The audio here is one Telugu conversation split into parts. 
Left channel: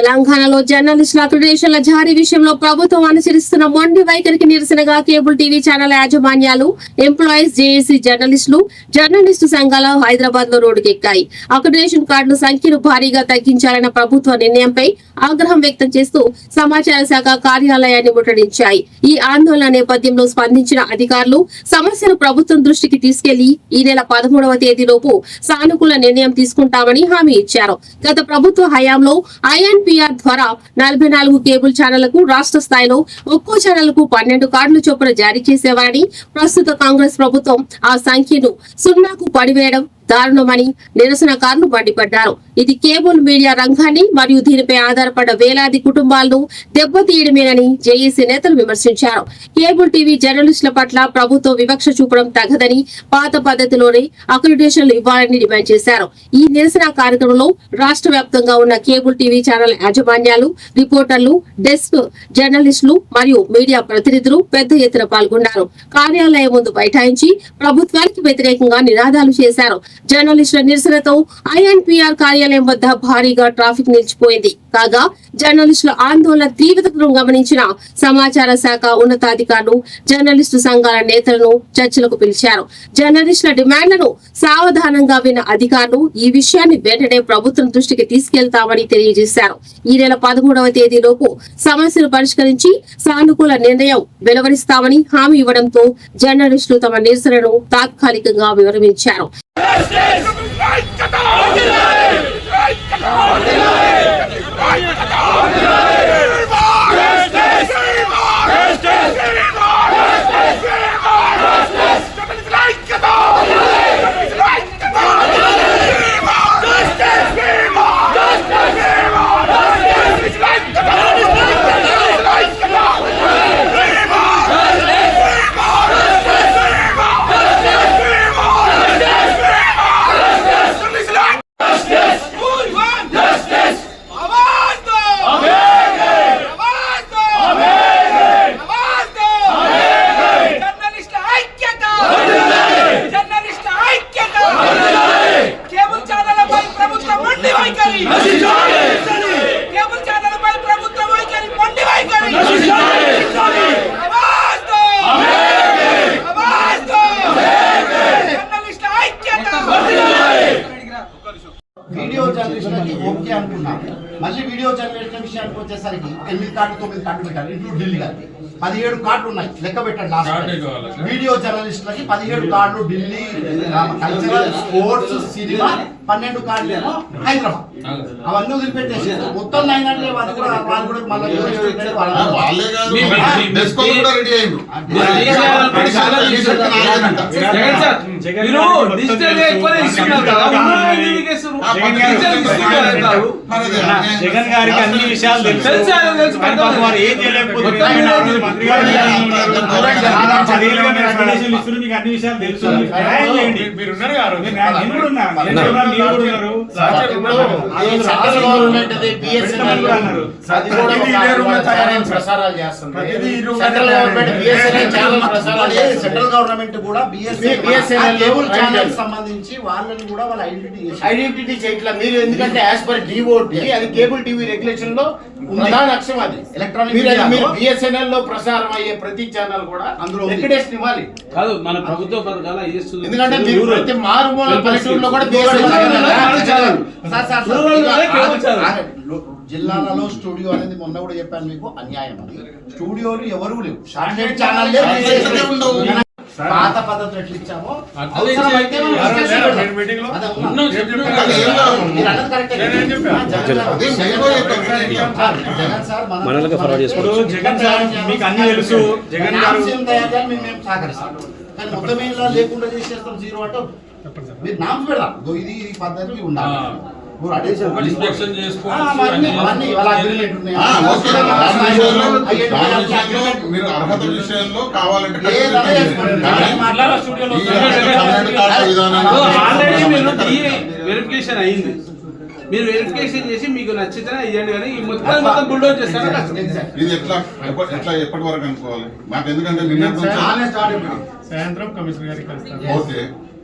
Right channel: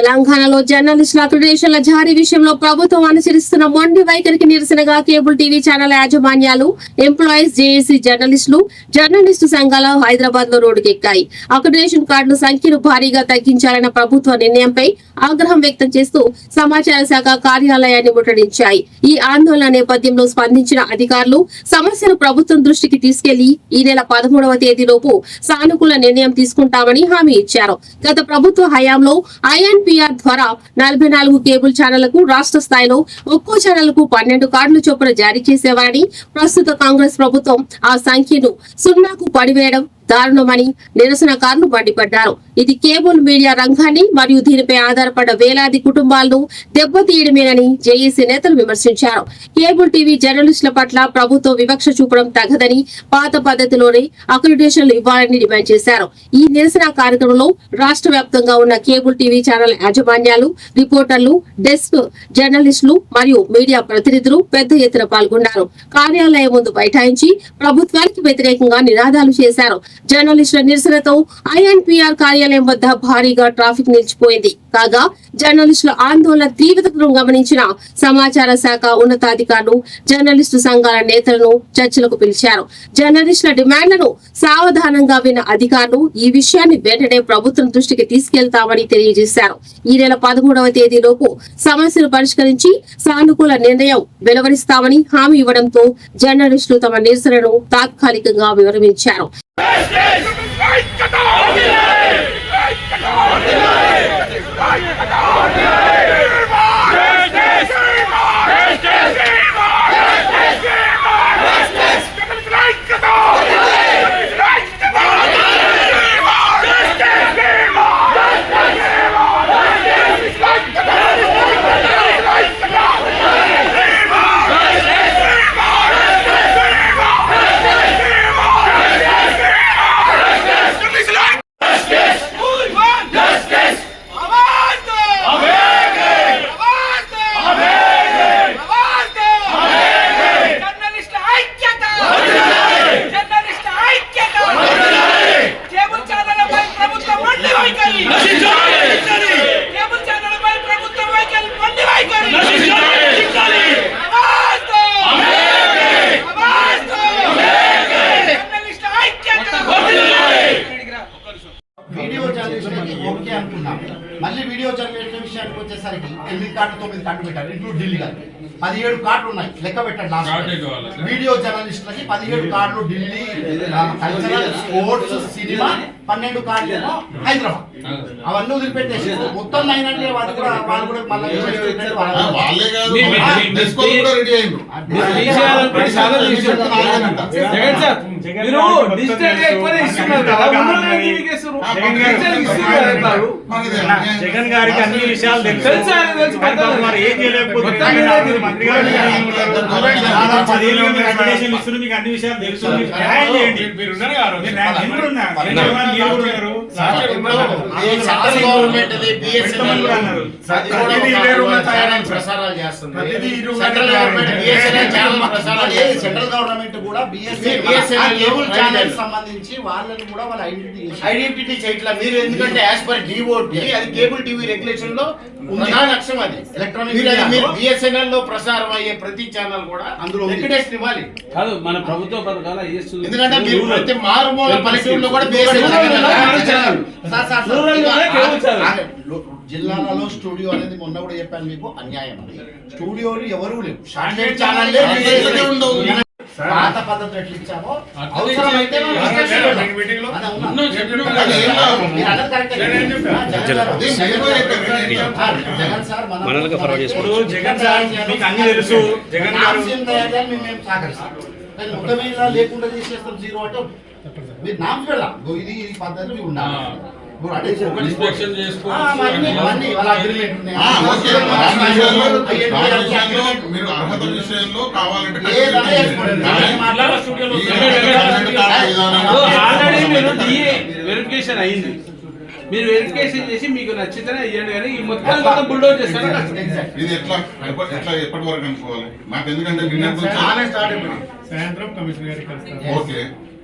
తెలంగాణలో జర్నలిస్టుల అక్రిడిటేషన్ల జారీ విషయంలో ప్రభుత్వం అనుసరిస్తున్న మొండి వైఖరికి నిరసనగా కేబుల్ టీవీ ఛానల్ యాజమాన్యాలు, ఎంప్లాయీస్, జేఏసీ జర్నలిస్టు సంఘాలు హైదరాబాద్ లో రోడ్డుకెక్కాయి. అక్రిడిటేషన్ కార్డుల సంఖ్యను భారీగా తగ్గించాలన్న ప్రభుత్వ నిర్ణయంపై ఆగ్రహం వ్యక్తం చేస్తూ సమాచార శాఖ కార్యాలయాన్ని ముట్టడించాయి. ఈ ఆందోళన నేపథ్యంలో స్పందించిన అధికారులు సమస్యను ప్రభుత్వం దృష్టికి తీసుకెళ్లి ఈ నెల 13వ తేదీలోపు సానుకూల నిర్ణయం తీసుకుంటామని హామీ ఇచ్చారు. గత ప్రభుత్వ హయాంలో INPR ద్వారా 44 కేబుల్ ఛానళ్లకు రాష్ట్ర స్థాయిలో ఒక్కో ఛానల్ కు 12 కార్డులు చొప్పున జారీ చేసేవారని, ప్రస్తుత కాంగ్రెస్ ప్రభుత్వం ఆ సంఖ్యను 0కు పడివేయడం దారుణమని నిరసనకారులు మండిపడ్డారు. ఇది కేబుల్ మీడియా రంగాన్ని మరియు దీనిపై ఆధారపడ్డ వేలాది కుటుంబాలను దెబ్బతీయడమేనని జేఏసీ నేతలు విమర్శించారు. కేబుల్ టీవీ జర్నలిస్టుల పట్ల ప్రభుత్వం వివక్ష చూపడం తగదని, పాత పద్ధతిలోనే అక్రిడిటేషన్లు ఇవ్వాలని డిమాండ్ చేశారు. ఈ నిరసన కార్యక్రమంలో రాష్ట్ర వ్యాప్తంగా ఉన్న కేబుల్ టీవీ ఛానల్ యాజమాన్యాలు, రిపోర్టర్లు, డెస్క్ జర్నలిస్టులు మరియు మీడియా ప్రతినిధులు పెద్ద ఎత్తున పాల్గొన్నారు. కార్యాలయం ముందు బైఠాయించి ప్రభుత్వానికి వ్యతిరేకంగా నినాదాలు చేశారు. జర్నలిస్టుల నిరసనతో INPR కార్యాలయం వద్ద భారీగా ట్రాఫిక్ నిలిచిపోయింది. కాగా జర్నలిస్టుల ఆందోళన తీవ్రతను గమనించిన సమాచార శాఖ ఉన్నతాధికారులు జర్నలిస్టు సంఘాల నేతలను చర్చలకు పిలిచారు. జర్నలిస్టుల డిమాండ్లను సావధానంగా విన్న అధికారులు ఈ విషయాన్ని వెంటనే ప్రభుత్వం దృష్టికి తీసుకెళ్తామని తెలియజేశారు. ఈ నెల 13వ తేదీలోపు సమస్యను పరిష్కరించి సానుకూల నిర్ణయం వెలువరిస్తామని హామీ ఇవ్వడంతో జర్నలిస్టులు తమ నిరసనను తాత్కాలికంగా విరమించారు. వీడియో జర్నలిస్టులకి ఓకే అనుకున్నాం. మళ్ళీ వీడియో జర్నలిస్టుల విషయానికి వచ్చేసరికి 8 కార్డు 9 కార్డు పెట్టారు. ఇంక్లూడ్ ఢిల్లీ గారికి 17 కార్డులు ఉన్నాయి. లెక్క పెట్టండి. లాస్ట్ వీడియో జర్నలిస్టులకి 17 కార్డులు ఢిల్లీ, కల్చరల్, స్పోర్ట్స్, సినిమా 12 కార్డులు ఏమో హైదరాబాద్. అవన్నీ వదిలిపెట్టేసి మొత్తం 9 అంటే అది కూడా వాళ్ళు కూడా మళ్ళీ జగన్ గారికి అన్ని విషయాలు తెలుసు. ఏం చేయలేకపోతున్నారు. మీకు అన్ని విషయాలు తెలుసు. సెంట్రల్ గవర్నమెంట్ కూడా కేబుల్ ఛానల్ సంబంధించి వాళ్ళని కూడా వాళ్ళ ఐడెంటిటీ చేయట్లా మీరు. ఎందుకంటే యాజ్ పర్ డిఓటి అది కేబుల్ టీవీ రెగ్యులేషన్ లో ప్రధాన లక్ష్యం. అది ఎలక్ట్రానిక్ BSNL లో ప్రసారం అయ్యే ప్రతి ఛానల్ కూడా అందులో ఎక్కడేసి ఇవ్వాలి కాదు. మన ప్రభుత్వ పథకాలు ఎందుకంటే మీరు ప్రతి మారుమూల పల్లెటూరులో కూడా జిల్లాలలో స్టూడియో అనేది మొన్న కూడా చెప్పాను మీకు, అన్యాయం. అది స్టూడియోలు ఎవరు లేవు. శాటిలైట్ ఛానల్లే పాత పద్ధతి ఎట్లా ఇచ్చామో అవసరమైతే జగన్ సార్ మీకు అన్ని తెలుసు. జగన్ మేము సహకరిస్తాం. కానీ మొత్తం లేకుండా చేసేస్తాం. జీరో అంటే మీరు నామ్స్ పెడదాం. ఇది పద్ధతి ఉండాలి. మీరు అర్హత విషయంలో కావాలంటే వెరిఫికేషన్ అయింది. మీరు వెరిఫికేషన్ చేసి మీకు నచ్చితేనే ఇవ్వండి, కానీ ఈ మొత్తం బుల్డోజ్ చేస్తారు. ఇది ఎట్లా ఎప్పటి వరకు అనుకోవాలి? మాకు ఎందుకంటే నిన్న సాయంత్రం కమిషనర్ గారికి ఓకే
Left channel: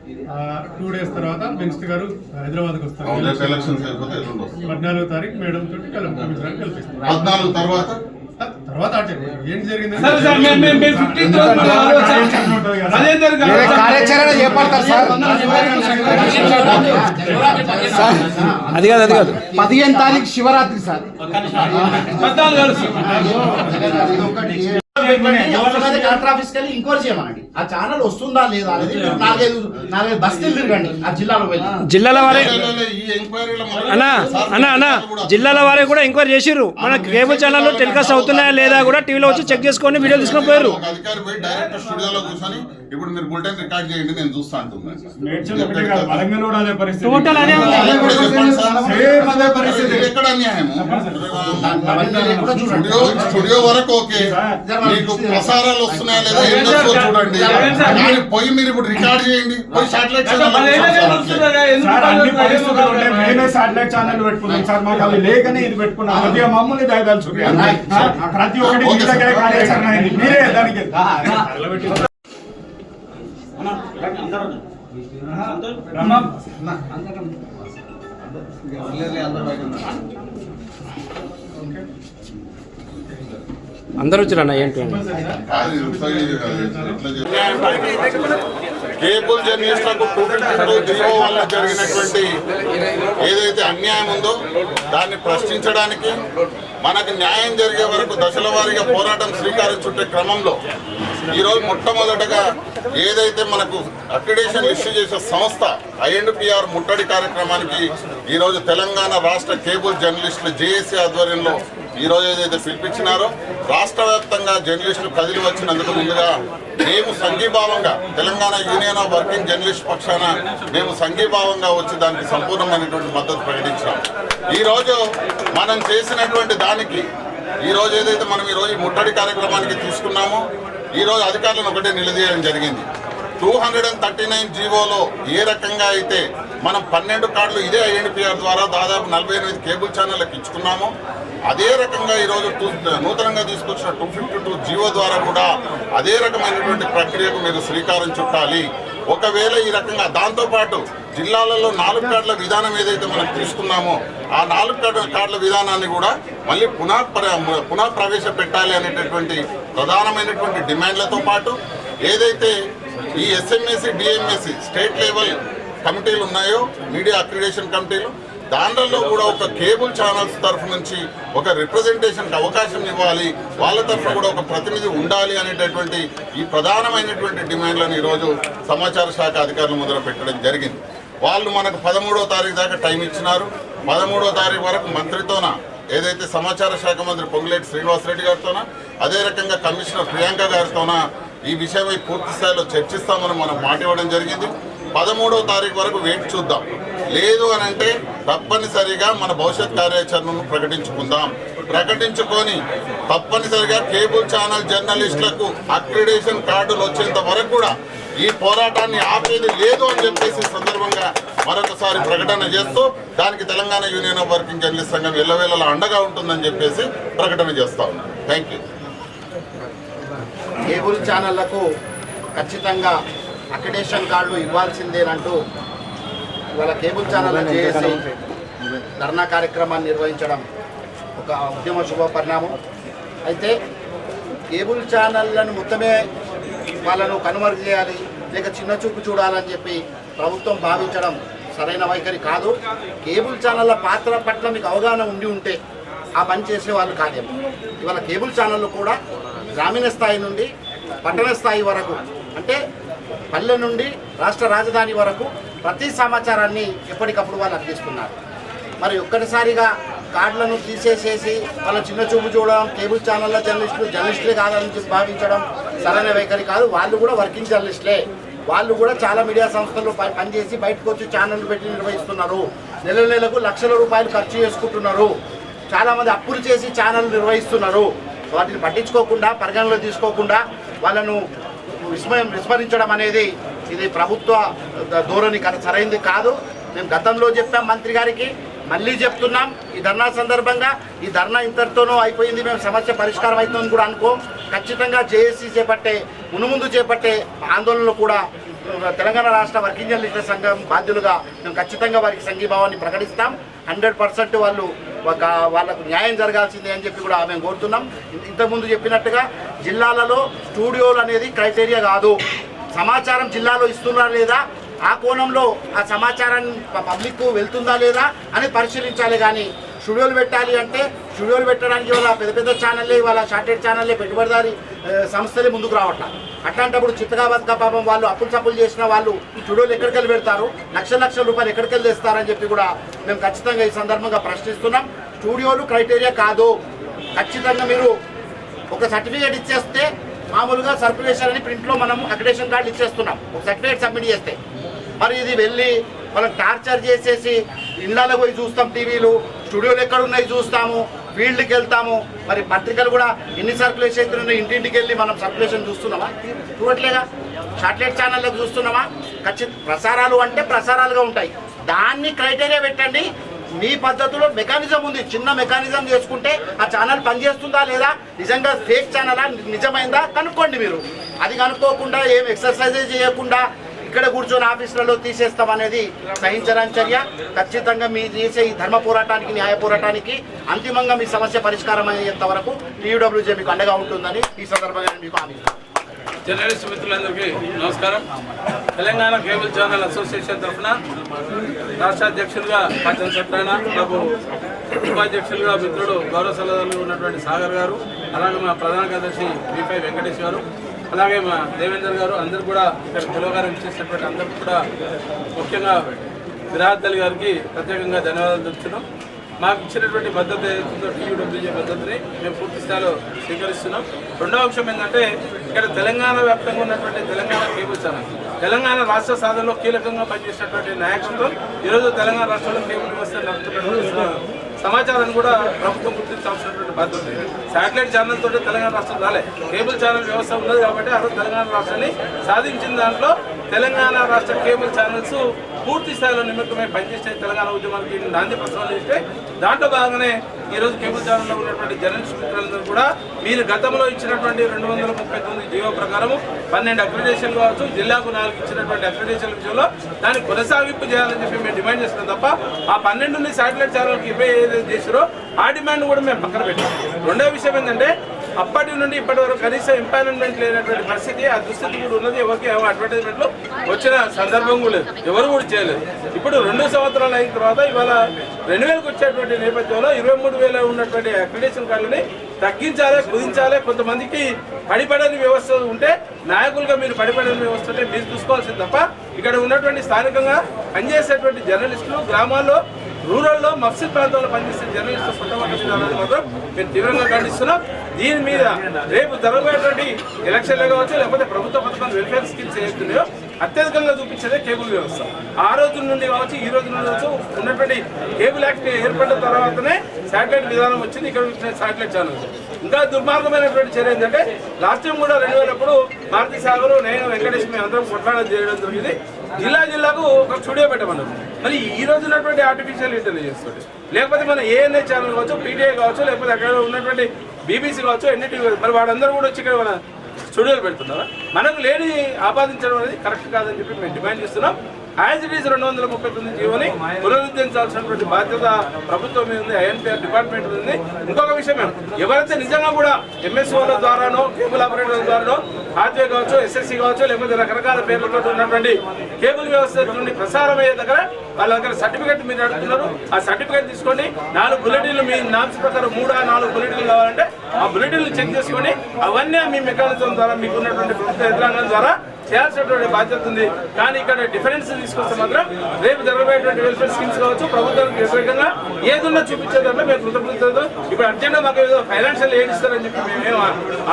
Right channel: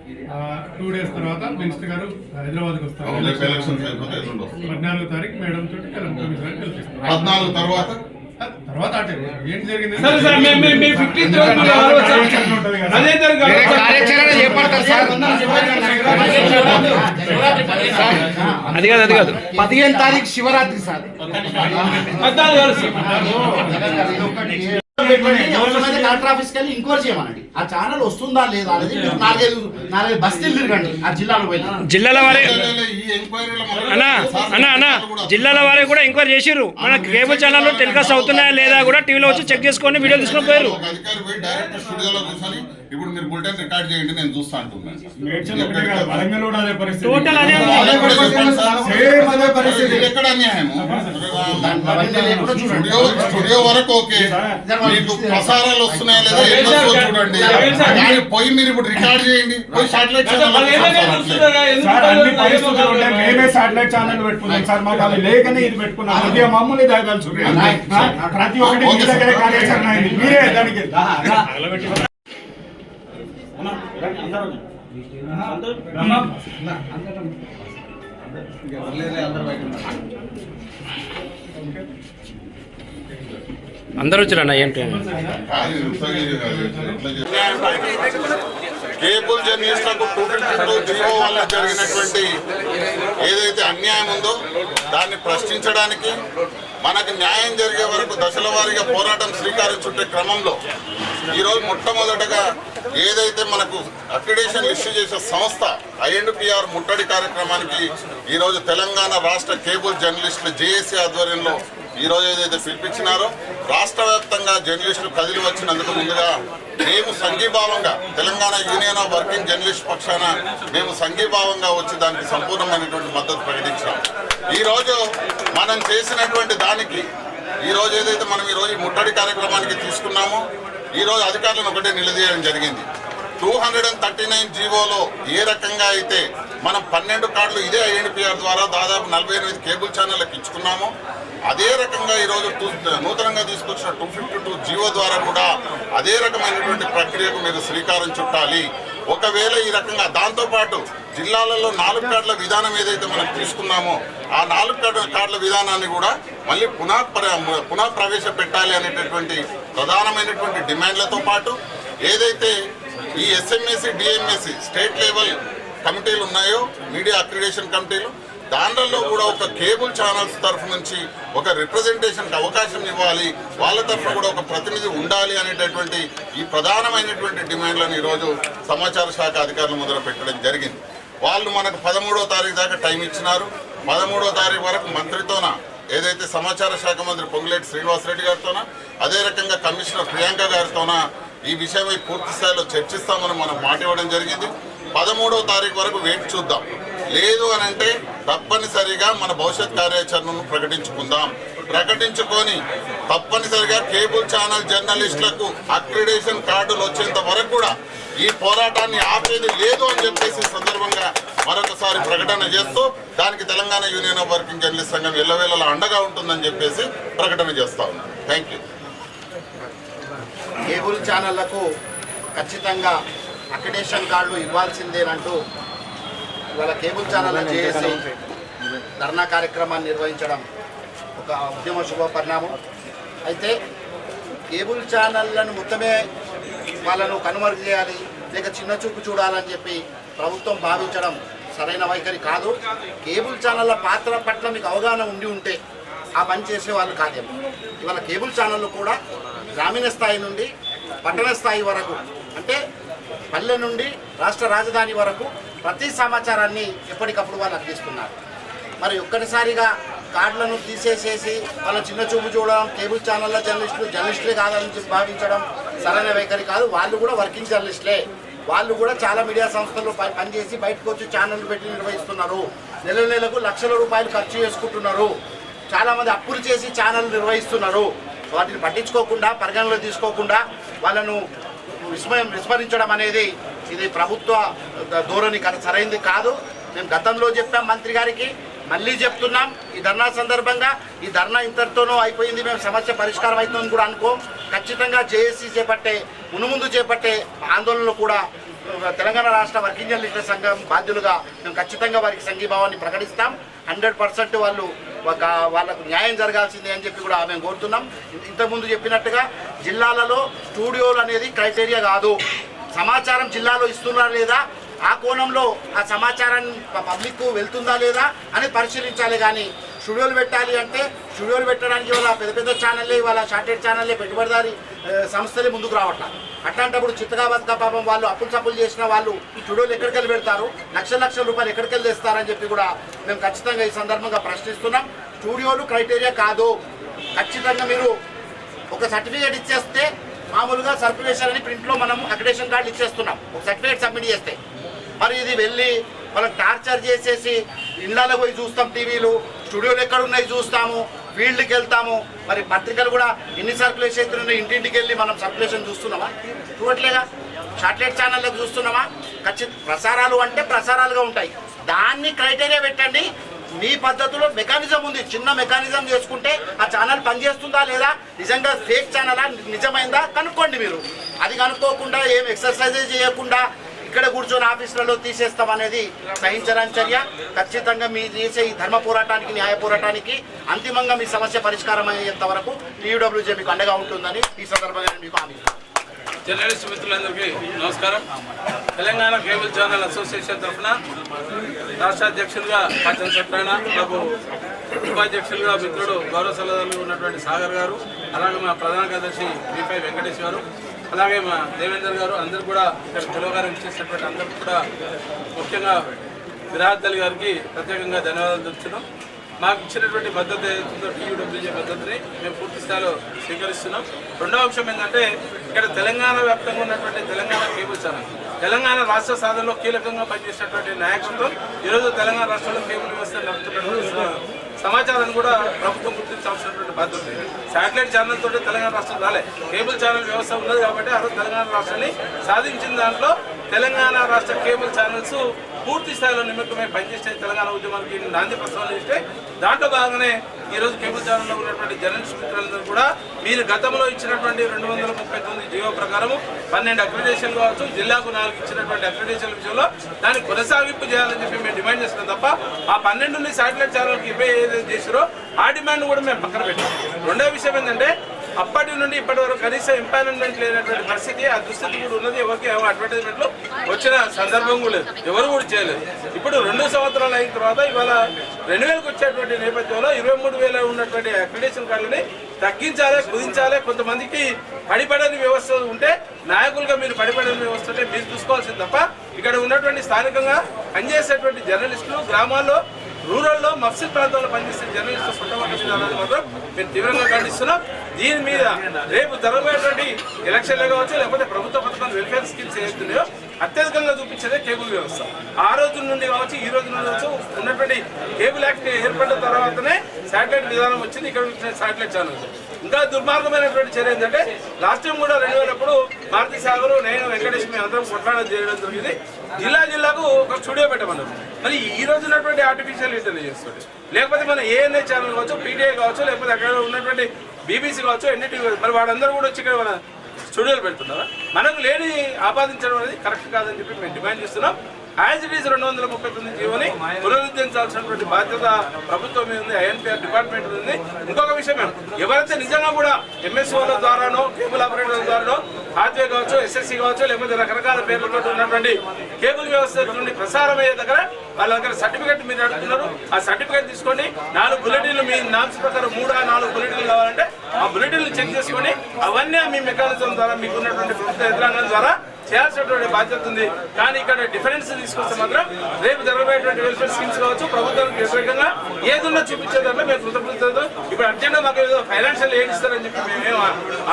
2 days తర్వాత మినిస్టర్ గారు హైదరాబాద్కి వస్తారు. రేపు ఎలక్షన్స్ అయిపోతే ఎల్లుండి వస్తుంది. 14వ తారీఖు మేడం తోటి కల్పిస్తారు. 14 తర్వాత తర్వాత అటే ఏం జరిగింది సార్ సార్ మేము 15th రోజు మళ్ళీ అదే కార్యాచరణ చేపడతారు సార్. అది కాదు 15 తారీఖు శివరాత్రి సార్. 14 కలెక్టర్ ఆఫీస్కి వెళ్ళి ఎంక్వైరీ చేయమనండి. ఆ ఛానల్ వస్తుందా లేదా అనేది మీరు నాలుగైదు బస్తీలు తిరగండి ఆ జిల్లాలో వెళ్ళి. జిల్లాల వారే ఈ ఎంక్వైరీలో అన్నా జిల్లాల వారే కూడా ఎంక్వైరీ చేసిర్రు. మన కేబుల్ ఛానల్లో టెలికాస్ట్ అవుతున్నాయా లేదా కూడా టీవీలో వచ్చి చెక్ చేసుకొని వీడియో తీసుకొని పోయారు. ఒక అధికారి పోయి డైరెక్ట్ స్టూడియోలో కూర్చొని ఇప్పుడు మీరు బులెటిన్ రికార్డ్ చేయండి నేను చూస్తా అంటున్నాను. ఎక్కడ అన్యాయము? స్టూడియో వరకు ఓకే, మీకు ప్రసారాలు వస్తున్నాయా లేదా ఏం చేస్తుందో చూడండి. కానీ పోయి మీరు ఇప్పుడు రికార్డ్ చేయండి, పోయి శాటిలైట్ మేమే సాటిలైట్ ఛానల్ పెట్టుకున్నాం సార్. మాకు అవి లేకనే ఇది పెట్టుకున్నాం. కొద్దిగా మమ్మల్ని దయదాల్చు. ప్రతి ఒక్కటి మీ దగ్గర కార్యాచరణ అయింది. మీరే దానికి అందరూ వచ్చారన్న ఏంటి కేబుల్ జర్నలిస్టులకు 252 జీవో వల్ల జరిగినటువంటి ఏదైతే అన్యాయం ఉందో దాన్ని ప్రశ్నించడానికి మనకు న్యాయం జరిగే వరకు దశల వారీగా పోరాటం శ్రీకారం చుట్టే క్రమంలో ఈరోజు మొట్టమొదటగా ఏదైతే మనకు అక్రిడేషన్ ఇష్యూ చేసే సంస్థ INDPR ముట్టడి కార్యక్రమానికి ఈరోజు తెలంగాణ రాష్ట్ర కేబుల్ జర్నలిస్టులు జేఏసీ ఆధ్వర్యంలో ఈరోజు ఏదైతే పిలిపించినారో రాష్ట్ర వ్యాప్తంగా జర్నలిస్టులు కదిలి వచ్చినందుకు ముందుగా మేము సంఘీభావంగా Telangana union of working journalist పక్షాన మేము సంఘీభావంగా వచ్చి దానికి సంపూర్ణమైనటువంటి మద్దతు ప్రకటించాం. ఈరోజు మనం చేసినటువంటి దానికి ఈరోజు ఏదైతే మనం ఈరోజు ముట్టడి కార్యక్రమానికి తీసుకున్నామో ఈరోజు అధికారులను ఒకటే నిలదీయడం జరిగింది. 239 జీవోలో ఏ రకంగా అయితే మనం 12 కార్డులు ఇదే INDPR ద్వారా దాదాపు 48 కేబుల్ ఛానళ్ళకి ఇచ్చుకున్నామో అదే రకంగా ఈరోజు నూతనంగా తీసుకొచ్చిన 252 జీవో ద్వారా కూడా అదే రకమైనటువంటి ప్రక్రియకు మీరు శ్రీకారం చుట్టాలి. ఒకవేళ ఈ రకంగా దాంతోపాటు జిల్లాలలో 4 కార్డుల విధానం ఏదైతే మనం తీసుకున్నామో ఆ 4 కార్డుల విధానాన్ని కూడా మళ్ళీ పునః ప్రవేశపెట్టాలి అనేటటువంటి ప్రధానమైనటువంటి డిమాండ్లతో పాటు ఏదైతే ఈ SMSC DMSC స్టేట్ లెవెల్ కమిటీలు ఉన్నాయో మీడియా అక్రిడేషన్ కమిటీలు దాంట్లో కూడా ఒక కేబుల్ ఛానల్స్ తరఫు నుంచి ఒక రిప్రజెంటేషన్కి అవకాశం ఇవ్వాలి, వాళ్ళ తరఫున కూడా ఒక ప్రతినిధి ఉండాలి అనేటటువంటి ఈ ప్రధానమైనటువంటి డిమాండ్లను ఈరోజు సమాచార శాఖ అధికారులు మొదలు పెట్టడం జరిగింది. వాళ్ళు మనకు 13వ తారీఖు దాకా టైం ఇచ్చినారు. 13వ తారీఖు వరకు మంత్రితోన ఏదైతే సమాచార శాఖ మంత్రి పొంగులేటి శ్రీనివాసరెడ్డి గారితోన అదే రకంగా కమిషనర్ ప్రియాంక గారితోన ఈ విషయమై పూర్తి స్థాయిలో చర్చిస్తామని మనం మాట ఇవ్వడం జరిగింది. 13వ తారీఖు వరకు వేచి చూద్దాం. లేదు అని అంటే తప్పనిసరిగా మన భవిష్యత్ కార్యాచరణను ప్రకటించుకొని తప్పనిసరిగా కేబుల్ ఛానల్ జర్నలిస్టులకు అక్రిడేషన్ కార్డులు వచ్చేంత వరకు కూడా ఈ పోరాటాన్ని ఆపేది లేదు అని చెప్పేసి సందర్భంగా మరొకసారి ప్రకటన చేస్తూ దానికి Telangana union of working journalist సంఘం ఎల్లవేళలా అండగా ఉంటుందని చెప్పేసి ప్రకటన చేస్తా ఉన్నాం. Thank you. కేబుల్ ఛానళ్లకు ఖచ్చితంగా అక్రిడేషన్ కార్డులు ఇవ్వాల్సిందేనంటూ ఇవాళ కేబుల్ ఛానల్ చేసి ధర్నా కార్యక్రమాన్ని నిర్వహించడం ఒక ఉద్యమ శుభ పరిణామం. అయితే కేబుల్ ఛానళ్లను మొత్తమే వాళ్ళను కనుమరుగు చేయాలి లేక చిన్న చూపు చూడాలని చెప్పి ప్రభుత్వం భావించడం సరైన వైఖరి కాదు. కేబుల్ ఛానళ్ళ పాత్ర పట్ల మీకు అవగాహన ఉండి ఉంటే ఆ పని చేసేవాళ్ళు కాదేమో. ఇవాళ కేబుల్ ఛానళ్ళు కూడా గ్రామీణ స్థాయి నుండి పట్టణ స్థాయి వరకు అంటే పల్లె నుండి రాష్ట్ర రాజధాని వరకు ప్రతి సమాచారాన్ని ఎప్పటికప్పుడు వాళ్ళు అందిస్తున్నారు. మరి ఒక్కటిసారిగా కార్డులను తీసేసేసి వాళ్ళ చిన్న చూపు చూడడం, కేబుల్ ఛానళ్ళ జర్నలిస్టులే కాదని భావించడం సరైన వైఖరి కాదు. వాళ్ళు కూడా వర్కింగ్ జర్నలిస్టులే. వాళ్ళు కూడా చాలా మీడియా సంస్థల్లో పనిచేసి బయటకు వచ్చి ఛానళ్ళు పెట్టి నిర్వహిస్తున్నారు. నెలకు లక్షల రూపాయలు ఖర్చు చేసుకుంటున్నారు. చాలామంది అప్పులు చేసి ఛానళ్ళు నిర్వహిస్తున్నారు. వాటిని పట్టించుకోకుండా పరిగణలో తీసుకోకుండా వాళ్ళను విస్మరించడం అనేది ఇది ప్రభుత్వ ధోరణి సరైనది కాదు. మేము గతంలో చెప్పాం మంత్రి గారికి, మళ్ళీ చెప్తున్నాం. ఈ ధర్నా సందర్భంగా ఈ ధర్నా ఇంతటితోనూ అయిపోయింది, మేము సమస్య పరిష్కారం అవుతుందని కూడా అనుకోం. ఖచ్చితంగా జేఏసీ మునుముందు చేపట్టే ఆందోళనలు కూడా తెలంగాణ రాష్ట్ర వర్కింగ్ జర్నలిస్టుల సంఘం బాధ్యులుగా మేము ఖచ్చితంగా వారికి సంఘీభావాన్ని ప్రకటిస్తాం. 100% వాళ్ళకు న్యాయం జరగాల్సిందే అని చెప్పి కూడా మేము కోరుతున్నాం. ఇంతకుముందు చెప్పినట్టుగా జిల్లాలలో స్టూడియోలు అనేది క్రైటీరియా కాదు. సమాచారం జిల్లాలో ఇస్తున్నారా లేదా, ఆ కోణంలో ఆ సమాచారాన్ని పబ్లిక్ వెళ్తుందా లేదా అని పరిశీలించాలి. కానీ స్టూడియోలు పెట్టాలి అంటే స్టూడియోలు పెట్టడానికి వాళ్ళ పెద్ద పెద్ద ఛానళ్ళే, వాళ్ళ షార్టెడ్ ఛానళ్ళే, పెట్టుబడిదారి సంస్థలే ముందుకు రావట్లేదు. అట్లాంటప్పుడు చిత్తగా బతుక పాపం వాళ్ళు అప్పులు సప్పులు చేసిన వాళ్ళు స్టూడియోలు ఎక్కడికెళ్ళి పెడతారు, లక్షల రూపాయలు ఎక్కడికెళ్ళి తెస్తారని చెప్పి కూడా మేము ఖచ్చితంగా ఈ సందర్భంగా ప్రశ్నిస్తున్నాం. స్టూడియోలు క్రైటీరియా కాదు. ఖచ్చితంగా మీరు ఒక సర్టిఫికేట్ ఇచ్చేస్తే, మామూలుగా సర్క్యులేషన్ అని ప్రింట్లో మనం అక్రిడేషన్ కార్డు ఇచ్చేస్తున్నాం, ఒక సర్టిఫికేట్ సబ్మిట్ చేస్తే. మరి ఇది వెళ్ళి వాళ్ళకి టార్చర్ చేసేసి ఇళ్ళలో పోయి చూస్తాం, టీవీలు స్టూడియోలు ఎక్కడ ఉన్నాయి చూస్తాము, ఫీల్డ్కి వెళ్తాము. మరి పత్రికలు కూడా ఎన్ని సర్క్యులేషన్ అవుతున్నాయి, ఇంటింటికి వెళ్ళి మనం సర్క్యులేషన్ చూస్తున్నామా? చూడట్లేగా. శాటిలైట్ ఛానళ్ళకు చూస్తున్నామా? ప్రసారాలు అంటే ప్రసారాలుగా ఉంటాయి. దాన్ని క్రైటీరియా పెట్టండి. మీ పద్ధతిలో మెకానిజం ఉంది, చిన్న మెకానిజం చేసుకుంటే ఆ ఛానల్ పనిచేస్తుందా లేదా, నిజంగా ఫేక్ ఛానలా నిజమైందా కనుక్కోండి. మీరు అది కనుక్కోకుండా ఏం ఎక్సర్సైజ్ చేయకుండా ఇక్కడ కూర్చొని ఆఫీసులలో తీసేస్తామనేది సహించరాని చర్య. ఖచ్చితంగా మీ చేసే ఈ ధర్మ పోరాటానికి, న్యాయ పోరాటానికి అంతిమంగా మీ సమస్య పరిష్కారం అయ్యేంత వరకు TUWJ మీకు అండగా ఉంటుందని ఈ సందర్భంగా మీకు హామీ. జర్నలిస్ట్ మిత్రులందరికీ నమస్కారం. తెలంగాణ కేబుల్ ఛానల్ అసోసియేషన్ తరఫున రాష్ట్ర అధ్యక్షులుగా పాచన్ సత్యనారాయణ బాబు, ఉపాధ్యక్షులుగా మిత్రుడు గౌరవ సలహాదారులు ఉన్నటువంటి సాగర్ గారు, అలాగే మా ప్రధాన కార్యదర్శి B5 వెంకటేష్ గారు, అలాగే మా దేవేందర్ గారు, అందరూ కూడా ఇక్కడ పిలువగారం ఇచ్చేసినటువంటి అందరూ కూడా, ముఖ్యంగా విరాట్ అలీ గారికి ప్రత్యేకంగా ధన్యవాదాలు తెలుపుతున్నాం. మాకు ఇచ్చినటువంటి మద్దతు ఏదైతుందో TUWJ మద్దతుని మేము పూర్తి స్థాయిలో స్వీకరిస్తున్నాం. రెండవ అంశం ఏంటంటే, ఇక్కడ తెలంగాణ వ్యాప్తంగా ఉన్నటువంటి తెలంగాణ కేబుల్ ఛానల్, తెలంగాణ రాష్ట్ర సాధనలో కీలకంగా పనిచేసినటువంటి నాయకత్వం ఈరోజు తెలంగాణ రాష్ట్రంలో కేబుల్ వ్యవస్థ నడుపుతున్నటువంటి సమాచారాన్ని కూడా ప్రభుత్వం గుర్తించాల్సినటువంటి బాధ్యత ఉంది. శాటిలైట్ ఛానల్ తోటి తెలంగాణ రాష్ట్రం రాలే, కేబుల్ ఛానల్ వ్యవస్థ ఉన్నది కాబట్టి ఆ రోజు తెలంగాణ రాష్ట్రాన్ని సాధించిన దాంట్లో తెలంగాణ రాష్ట్ర కేబుల్ ఛానల్స్ పూర్తి స్థాయిలో నిమిత్తమై పనిచేసే తెలంగాణ ఉద్యమానికి నాంది ప్రస్తావన ఇస్తే, దాంట్లో భాగంగానే ఈరోజు కేబుల్ ఛానల్లో ఉన్నటువంటి జర్నలిస్ట్ మిత్రులందరూ కూడా మీరు గతంలో ఇచ్చినటువంటి 239 జీవో ప్రకారం 12 అక్రిడేషన్లు కావచ్చు, జిల్లాకు 4 ఇచ్చినటువంటి అక్రిడేషన్ విషయంలో దాన్ని కొనసాగింపు చేయాలని చెప్పి మేము డిమాండ్ చేస్తున్నాం తప్ప ఆ 12 శాటిలైట్ ఛానల్కి ఏదైతే చేసారో ఆ డిమాండ్ కూడా మేము పక్కన పెట్టాం. రెండో విషయం ఏంటంటే, అప్పటి నుండి ఇప్పటి వరకు కనీసం ఎంపానల్మెంట్ లేనటువంటి పరిస్థితి, ఆ దుస్థితి కూడా ఉన్నది. ఎవరికి అడ్వర్టైజ్మెంట్లు వచ్చిన సందర్భం కూడా లేదు, ఎవరు కూడా చేయలేదు. ఇప్పుడు 2 సంవత్సరాలు అయిన తర్వాత ఇవాళ 2000కి వచ్చేటువంటి నేపథ్యంలో 23,000 ఉన్నటువంటి అక్రిడేషన్ కార్డులని తగ్గించాలి, కుదించాలి. కొంతమందికి పడిపడని వ్యవస్థ ఉంటే, నాయకులుగా మీరు పడిపడని వ్యవస్థ ఉంటే మీరు చూసుకోవాల్సింది తప్ప ఇక్కడ ఉన్నటువంటి స్థానికంగా పనిచేసేటువంటి జర్నలిస్టులు, గ్రామాల్లో రూరల్లో మఫ్సిల్ ప్రాంతంలో పనిచేసే జర్నలిస్టులు పుట్టబడ్డ విధానాన్ని మాత్రం మేము తీవ్రంగా ఖండిస్తున్నాం. దీని మీద రేపు జరగబోయేటువంటి ఎలక్షన్లు కావచ్చు, లేకపోతే ప్రభుత్వ పథకాలు, వెల్ఫేర్ స్కీమ్స్ ఏవైతున్నాయో అత్యధికంగా చూపించేదే కేబుల్ వ్యవస్థ. ఆ రోజు నుండి కావచ్చు, ఈ రోజు నుండి కావచ్చు, ఉన్నటువంటి కేబుల్ యాక్ట్ ఏర్పడిన తర్వాతనే శాటిలైట్ విధానం వచ్చింది. ఇక్కడ శాటిలైట్ ఛానల్ ఇంకా దుర్మార్గమైనటువంటి చర్య ఏంటంటే, లాస్ట్ టైం కూడా 2000 అప్పుడు మారుతి సాగర్, నేను వెంకటేష్ మేము అందరం కొట్లాడడం చేయడం జరిగింది. జిల్లాకు ఒక స్టూడియో పెట్టమన్నారు. మరి ఈ రోజు ఉన్నటువంటి ఆర్టిఫిషియల్ ఇంటెలిజెన్స్ తోటి, లేకపోతే మన ANI ఛానల్ కావచ్చు, PTI కావచ్చు, లేకపోతే అక్కడ ఉన్నటువంటి BBC కావచ్చు, NDTV, మరి వాడందరూ కూడా వచ్చి ఇక్కడ మన స్టూడియోలు పెడుతున్నారా? మనకు లేని ఆపాదించడం అనేది కరెక్ట్ కాదని చెప్పి మేము డిమాండ్ చేస్తున్నాం. యాజ్ ఇట్ ఈజ్ 239 జీవోని పునరుద్ధరించాల్సినటువంటి బాధ్యత ప్రభుత్వం మీద ఉంది, INPR డిపార్ట్మెంట్ ఉంది. ఇంకొక విషయం, ఎవరైతే నిజంగా కూడా MSOల ద్వారానో, కేబుల్ ఆపరేటర్ల ద్వారానో, హాత్వే కావచ్చు, SSC కావచ్చు, లేకపోతే రకరకాల పేర్లతో ఉన్నటువంటి కేబుల్ వ్యవస్థ నుండి ప్రసారం అయ్యే దగ్గర వాళ్ళ దగ్గర సర్టిఫికేట్ మీరు అడుగుతున్నారు. ఆ సర్టిఫికేట్ తీసుకొని 4 బులెటిన్లు, మీ నామ్స్ ప్రకారం 3-4 బులెటిన్లు కావాలంటే ఆ బులెటిన్లు చెక్ చేసుకొని అవన్నీ మీ మెకానిజం ద్వారా, మీకు ఉన్నటువంటి ప్రభుత్వ యంత్రాంగం ద్వారా చేయాల్సినటువంటి బాధ్యత ఉంది. కానీ ఇక్కడ డిఫరెన్స్ తీసుకొస్తే మాత్రం రేపు జరగబోయేటువంటి వెల్ఫేర్ స్కీమ్స్ కావచ్చు, ప్రభుత్వానికి వ్యతిరేకంగా ఏదున్నా చూపించే దాంట్లో మేము కృతజ్ఞతతో ఇప్పుడు అర్జెంట్గా మాకు ఏదో ఫైనాన్షియల్ ఎయిడ్ ఇస్తారని చెప్పి మేమేం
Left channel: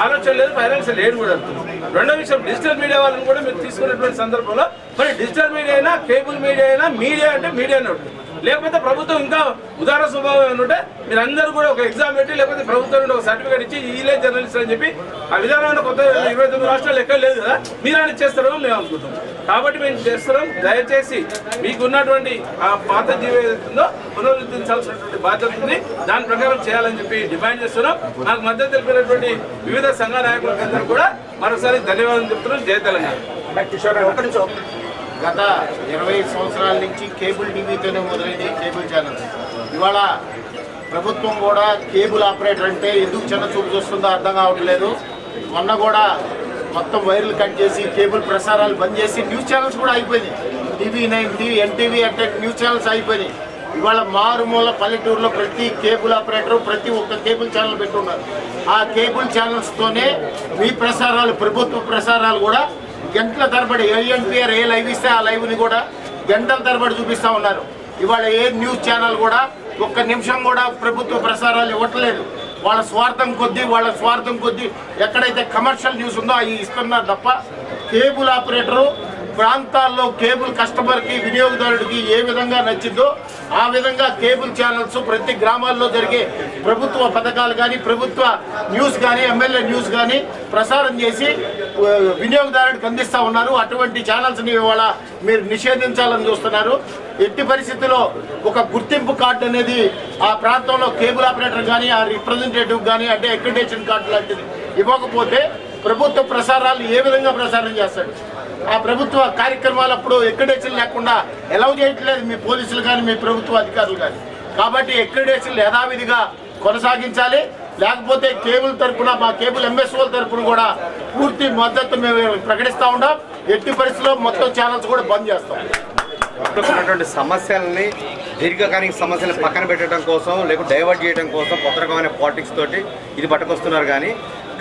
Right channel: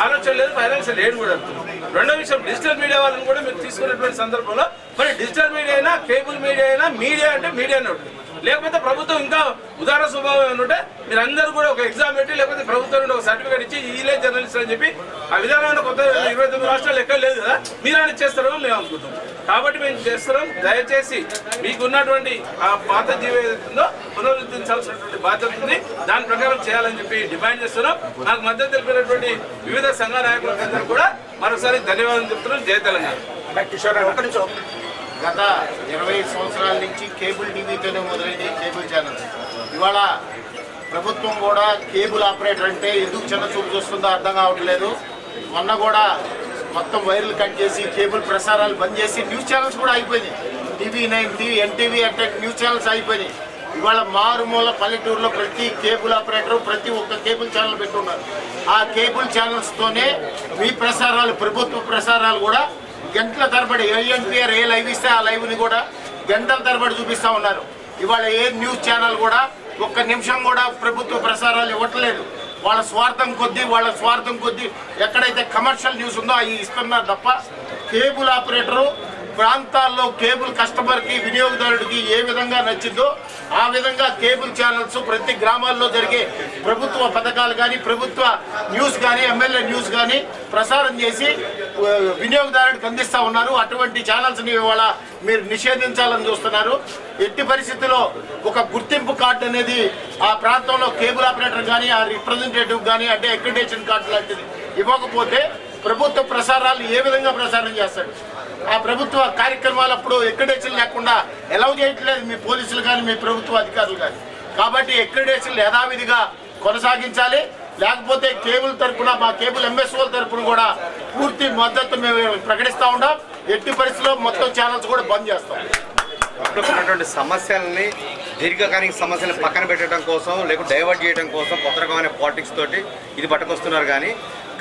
ఆలోచన లేదు. ఫైనాన్షియల్ ఎయిడ్ కూడా అడుగుతున్నాం. రెండో విషయం, డిజిటల్ మీడియా వాళ్ళని కూడా మీరు తీసుకున్నటువంటి సందర్భంలో, మరి డిజిటల్ మీడియా అయినా, కేబుల్ మీడియా అయినా, మీడియా అంటే మీడియా నోట్, లేకపోతే ప్రభుత్వం ఇంకా ఉదార స్వభావం ఏంటంటే మీరందరూ కూడా ఒక ఎగ్జామ్ పెట్టి, లేకపోతే ప్రభుత్వం నుండి ఒక సర్టిఫికేట్ ఇచ్చి ఈలే జర్నలిస్ట్ అని చెప్పి ఆ విధానాన్ని కొత్త 29 రాష్ట్రాలు ఎక్కడ లేదు కదా, మీరు అని చేస్తారో మేము అనుకుంటాం. కాబట్టి మేము చేస్తున్నాం. దయచేసి మీకున్నటువంటి ఆ పాత జీవో ఏదైతుందో పునరుద్ధరించాల్సినటువంటి బాధ్యత ఉంది. దాని ప్రకారం చేయాలని చెప్పి డిమాండ్ చేస్తున్నాం. నాకు మద్దతు తెలిపినటువంటి వివిధ సంఘ నాయకులందరూ కూడా మరోసారి ధన్యవాదాలు చెప్తున్నాం. జై తెలంగాణ. గత 20 సంవత్సరాల నుంచి కేబుల్ టీవీతోనే మొదలైంది కేబుల్ ఛానల్స్. ఇవాళ ప్రభుత్వం కూడా కేబుల్ ఆపరేటర్ అంటే ఎందుకు చిన్న చూపు చూస్తుందో అర్థం కావట్లేదు. మొన్న కూడా మొత్తం వైర్లు కట్ చేసి కేబుల్ ప్రసారాలు బంద్ చేసి న్యూస్ ఛానల్స్ కూడా అయిపోయినాయి. TV9, NTV అంటే న్యూస్ ఛానల్స్ అయిపోయినాయి. ఇవాళ మారుమూల పల్లెటూరులో ప్రతి కేబుల్ ఆపరేటర్ ప్రతి ఒక్క కేబుల్ ఛానల్ పెట్టున్నారు. ఆ కేబుల్ ఛానల్స్తోనే మీ ప్రసారాలు, ప్రభుత్వ ప్రసారాలు కూడా గంటల తరబడి ఎన్టీఆర్ ఏ లైవ్ ఇస్తే ఆ లైవ్ని కూడా గంటల తరబడి చూపిస్తూ ఉన్నారు. ఇవాళ ఏ న్యూస్ ఛానల్ కూడా ఒక్క నిమిషం కూడా ప్రభుత్వ ప్రసారాలు ఇవ్వట్లేదు. వాళ్ళ స్వార్థం కొద్దీ ఎక్కడైతే కమర్షియల్ న్యూస్ ఉందో అవి ఇస్తున్నారు తప్ప కేబుల్ ఆపరేటరు ప్రాంతాల్లో కేబుల్ కస్టమర్కి, వినియోగదారుడికి ఏ విధంగా నచ్చిందో ఆ విధంగా కేబుల్ ఛానల్స్ ప్రతి గ్రామాల్లో జరిగే ప్రభుత్వ పథకాలు కానీ, ప్రభుత్వ న్యూస్ కానీ, ఎమ్మెల్యే న్యూస్ కానీ ప్రసారం చేసి వినియోగదారుడికి అందిస్తూ ఉన్నారు. అటువంటి ఛానల్స్ని ఇవాళ మీరు నిషేధించాలని చూస్తున్నారు. ఎట్టి పరిస్థితుల్లో ఒక గుర్తింపు కార్డు అనేది ఆ ప్రాంతంలో కేబుల్ ఆపరేటర్ కానీ, ఆ రిప్రజెంటేటివ్ కానీ అంటే అక్రిడేషన్ కార్డు లాంటిది ఇవ్వకపోతే ప్రభుత్వ ప్రసారాలు ఏ విధంగా ప్రసారం చేస్తాడు? ఆ ప్రభుత్వ కార్యక్రమాలు అప్పుడు అక్రిడేషన్ లేకుండా ఎలౌ చేయట్లేదు మీ పోలీసులు కానీ, మీ ప్రభుత్వ అధికారులు కానీ. కాబట్టి అక్రిడేషన్ యథావిధిగా కొనసాగించాలి. లేకపోతే కేబుల్ తరఫున, మా కేబుల్ ఎంఎస్ఓల తరఫున కూడా పూర్తి మద్దతు మేము ప్రకటిస్తూ ఉంటాం. ఎట్టి పరిస్థితుల్లో మొత్తం ఛానల్స్ కూడా బంద్ చేస్తాం. ఉన్నటువంటి సమస్యలని, దీర్ఘకాలిక సమస్యలను పక్కన పెట్టడం కోసం, లేకపోతే డైవర్ట్ చేయడం కోసం కొత్త రకమైన పాలిటిక్స్ తోటి ఇది పట్టుకొస్తున్నారు. కానీ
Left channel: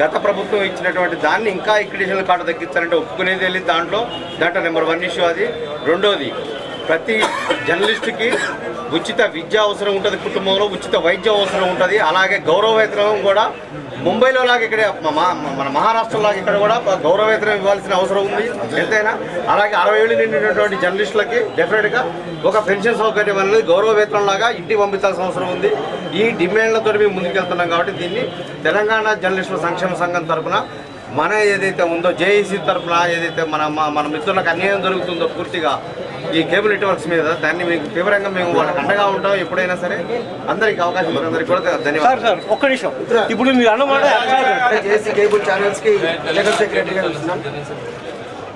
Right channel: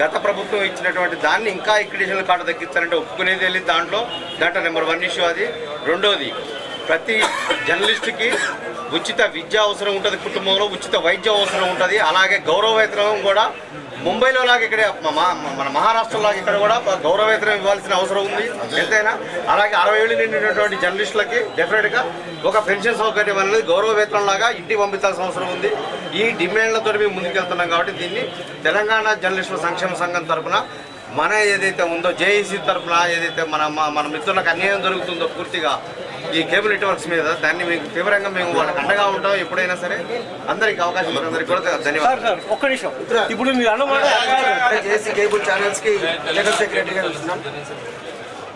గత ప్రభుత్వం ఇచ్చినటువంటి దాన్ని ఇంకా అక్రిడేషన్ కార్డు తగ్గించాలంటే ఒప్పుకునేది వెళ్ళి దాంట్లో నెంబర్ 1 ఇష్యూ అది. రెండోది, ప్రతి జర్నలిస్టుకి ఉచిత విద్య అవసరం ఉంటుంది, కుటుంబంలో ఉచిత వైద్యం అవసరం ఉంటుంది. అలాగే గౌరవవేతనం కూడా ముంబైలో లాగా ఇక్కడ మన మహారాష్ట్రలాగా ఇక్కడ కూడా గౌరవవేతనం ఇవ్వాల్సిన అవసరం ఉంది ఎంతైనా. అలాగే 60 ఏళ్ళు నిండినటువంటి జర్నలిస్టులకి డెఫినెట్గా ఒక పెన్షన్ సౌకర్యం అనేది గౌరవవేతనం లాగా ఇంటికి పంపించాల్సిన అవసరం ఉంది. ఈ డిమాండ్లతో మేము ముందుకెళ్తున్నాం. కాబట్టి దీన్ని తెలంగాణ జర్నలిస్టుల సంక్షేమ సంఘం తరఫున మన ఏదైతే ఉందో జేఏసీ తరఫున ఏదైతే మన మిత్రులకు అన్యాయం జరుగుతుందో పూర్తిగా ఈ కేబుల్ నెట్వర్క్స్ మీద దాన్ని మీకు తీవ్రంగా మేము వాళ్ళకి అండగా ఉంటాం. ఎప్పుడైనా సరే అందరికి అవకాశం అందరికి కూడా ధన్యవాదాలు. ఒక్క నిమిషం, ఇప్పుడు మీరు అన్నమాట జేఏసీ కేబుల్ ఛానల్స్కి జనరల్ సెక్రటరీగా ఉంటున్నాం.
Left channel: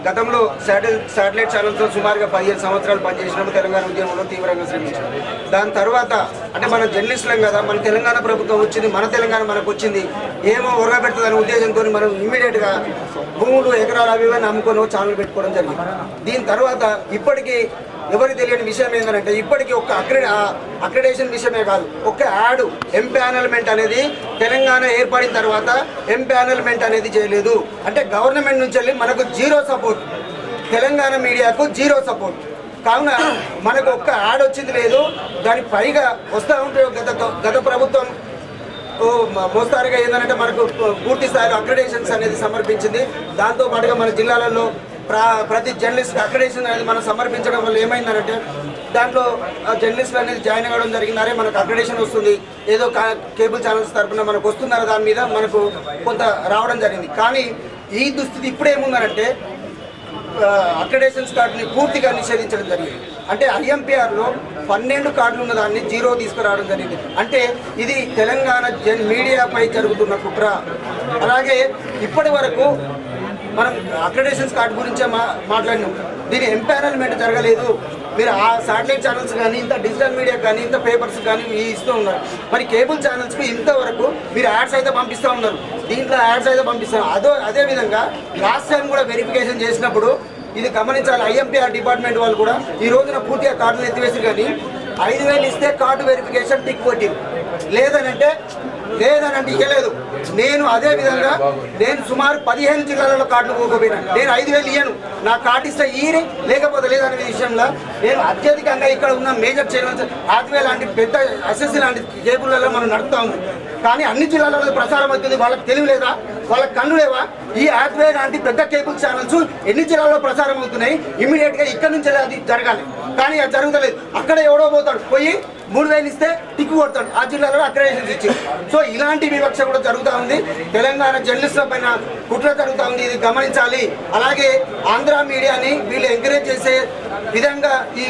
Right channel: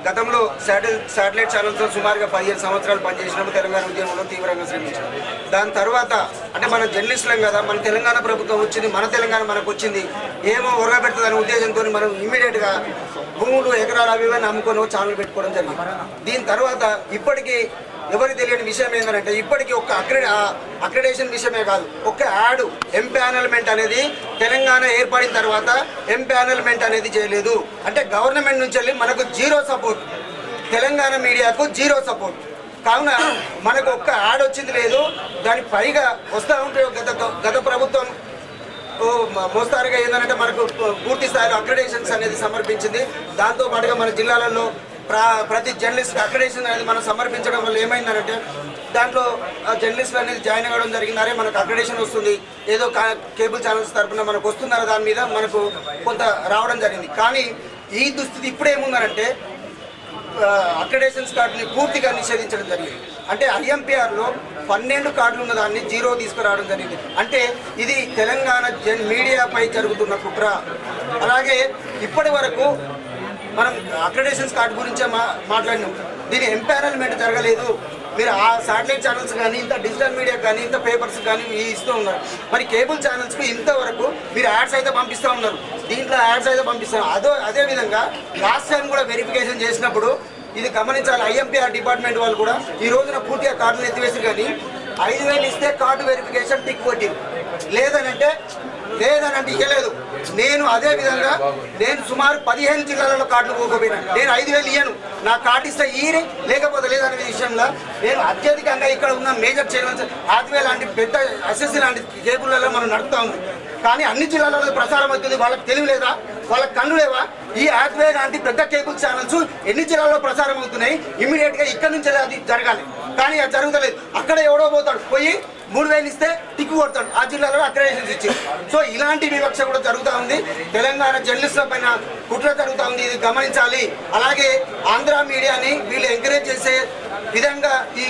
గతంలో శాటిలైట్ ఛానల్స్లో సుమారుగా 15 సంవత్సరాలు పనిచేసినాము. తెలంగాణ ఉద్యమంలో తీవ్రంగా శ్రమించాం. దాని తర్వాత అంటే మనం జర్నలిస్టులం కదా, మన తెలంగాణ ప్రభుత్వం వచ్చింది, మన తెలంగాణ మనకు వచ్చింది, ఏమో ఒరగబెడుతుందనే ఉద్దేశంతో మనం ఇమ్మీడియట్గా భూములు, ఎకరాలు అవి అమ్ముకొని ఛానల్ పెట్టుకోవడం జరిగింది. దీని తర్వాత ఇప్పటికీ ఎవరికి తెలియని విషయం ఏంటంటే ఇప్పటికీ ఒక్క అక్రిడేషన్ విషయమే కాదు, ఒక్క యాడ్ ఎంపానల్మెంట్ అనేది తెలంగాణ ఏర్పడిన తర్వాత ఎంపానల్మెంట్ అనేది చేయలేదు. అంటే గవర్నమెంట్ నుంచి వెళ్ళి మనకు జీరో సపోర్ట్, తెలంగాణ మీడియాకు జీరో సపోర్ట్. కావున మనకు ఒక్క యాడ్ వచ్చింది లేదు. దానికి పైగా వస్తూ ఉంటే గత ప్రభుత్వం మోస్తారుగా ఏంటంటే మనకు పూర్తి స్థాయిలో అక్రిడేషన్స్ అనేది సమర్పించింది. దాంతోపాటుగా మన జిల్లాలలో ప్రతి జర్నలిస్ట్ అక్రిడేషన్ అనేది మనం సమర్పించడం వల్ల ఏమైందంటే దాంట్లో జర్నలిస్టులు అనేది జాయిన్ అవ్వడం జరిగింది. అరే మనకు అక్రిడేషన్ వస్తుంది, ఏదో కేబుల్ ఛానల్స్ తరఫున మనకు వస్తుందన్న దాని మీద మనకు కొంత రావడం జరిగింది. కానీ ఈ దుస్థితి ఇప్పుడేముందనంటే అక్రిడేషన్స్ కార్డుని పూర్తిగా నిషేధించడం జరిగింది. అంటే ఐఎంపీఆర్లో 12 కార్డులు ఉన్న దాన్ని జీరో తీసుకురావడం జరిగింది. అంటే ఇది తెలంగాణ మీడియాపై జరుగుతున్న కుట్ర. అలాగే ఇప్పటి వరకు మనం అక్రిడేషన్స్ కార్డు గురించే మాట్లాడినాం. దీని ఎంపానల్మెంట్ జరగలేదు. మీరు ఆ శాటిలైట్ ఛానల్స్ కానీ, ఇంత డిజిటల్ మీడియా కానీ, ఇంత పేపర్స్ కానీ ఇస్తూ ఉన్నారు. మరి కేబుల్ ఛానల్స్కు ఇంతవరకు మీరు యాడ్స్ అయితే పంపిస్తూ ఉన్నారు, దీంట్లో యాడ్స్ అయితే పంపిస్తున్నారు. అదేవిధంగా లాస్ట్ టైం కూడా వెరిఫికేషన్ చేసినప్పుడు ఇది గమనించాలి. ఐఎంపీఆర్ డిపార్ట్మెంట్ వాళ్ళు కూడా ఈ రోజున పూర్తిగా కార్డులు ఎత్తివేసి కానీ 5,000 ఇస్తే కార్డు వెరిఫికేషన్ టిక్ కొట్టి లేదనంటే ఇవ్వలేదు. నేను అదే విధంగా సుమారు 15 జిల్లాలలో కార్డులు పోకపోయినా నేను 5,000 ఇయ్యను, నా కార్డు ఇస్తే ఈయన లేకపోతే లేదనే విషయంలో నేను అత్యధికంగా ఇక్కడ ఉన్న మేజర్ ఛానల్స్ ఆత్మీయ లాంటి పెద్ద ఎస్ఎస్సీ లాంటి కేబుల్లలో మనం నడుపుతా ఉంది. కానీ అన్ని జిల్లాలలో ప్రసారం అవుతుంది. వాళ్ళకి తెలివి లేదా, వాళ్ళకి కన్ను లేవా? ఈ యాత్వే లాంటి పెద్ద కేబుల్ ఛానల్స్ ఎన్ని జిల్లాల్లో ప్రసారం అవుతున్నాయి, ఇమీడియట్గా ఇక్కడ నుంచి అది జరగాలి. కానీ అది జరుగుతలేదు. అక్కడ ఎవడో పోతాడు, పోయి 3000 ఇస్తే టిక్కు కొడతాడు, ఆ జిల్లాలో అక్రెడిటేషన్స్ ఇచ్చి. సో ఇలాంటి వివక్ష కూడా జరుగుతూ ఉంది. తెలంగాణ జర్నలిస్టుల పైన కుట్ర జరుగుతూ ఉంది, ఇది గమనించాలి. అలాగే ఆంధ్ర మీడియాని వీళ్ళు ఎంకరేజ్ చేసే విధంగా ఈ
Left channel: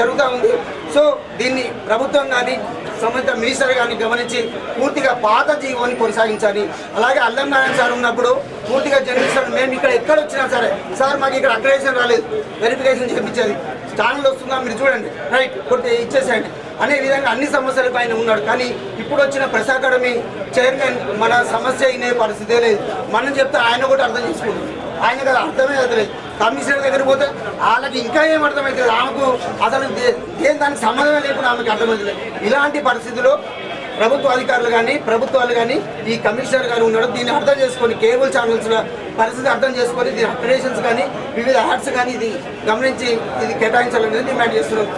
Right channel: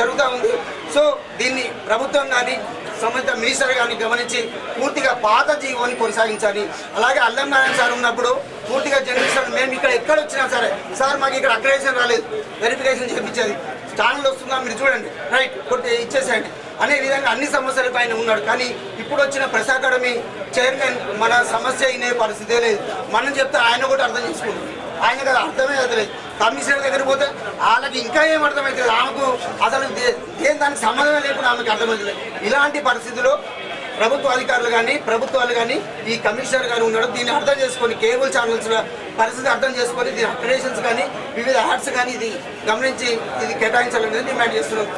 జరుగుతూ ఉంది. సో దీన్ని ప్రభుత్వం కానీ సంబంధిత మినిస్టర్ కానీ గమనించి పూర్తిగా పాత జీవోని కొనసాగించాలి. అలాగే అల్లం నారాయణ సార్ ఉన్నప్పుడు పూర్తిగా జర్నలిస్టులు మేము ఇక్కడ ఎక్కడ వచ్చినా సరే, సార్ మాకు ఇక్కడ అక్రెడిటేషన్ రాలేదు, వెరిఫికేషన్ చేయించేది, ఛానల్ వస్తుందా మీరు చూడండి, రైట్ కొట్టి ఇచ్చేసేయండి అనే విధంగా అన్ని సమస్యల పైన ఉన్నాడు. కానీ ఇప్పుడు వచ్చిన ప్రెస్ అకాడమీ చైర్మన్ మన సమస్య అయినే పరిస్థితే లేదు. మనం చెప్తే ఆయన కూడా అర్థం చేసుకుంటాం, ఆయన కదా అర్థమే అవుతలేదు. కమిషనర్ దగ్గర పోతే వాళ్ళకి ఇంకా ఏం అర్థమవుతుంది, ఆమెకు అసలు దేని దానికి సంబంధం లేకుండా ఆమెకు అర్థమవుతుంది. ఇలాంటి పరిస్థితుల్లో ప్రభుత్వ అధికారులు కానీ ప్రభుత్వాలు కానీ ఈ కమిషనర్ కానీ ఉన్నాడు, దీన్ని అర్థం చేసుకొని కేబుల్ ఛానల్స్ల పరిస్థితి అర్థం చేసుకొని దీని అక్రెడిటేషన్స్ కానీ వివిధ యాడ్స్ కానీ ఇది గమనించి ఇది కేటాయించాలనేది డిమాండ్ చేస్తున్నాం.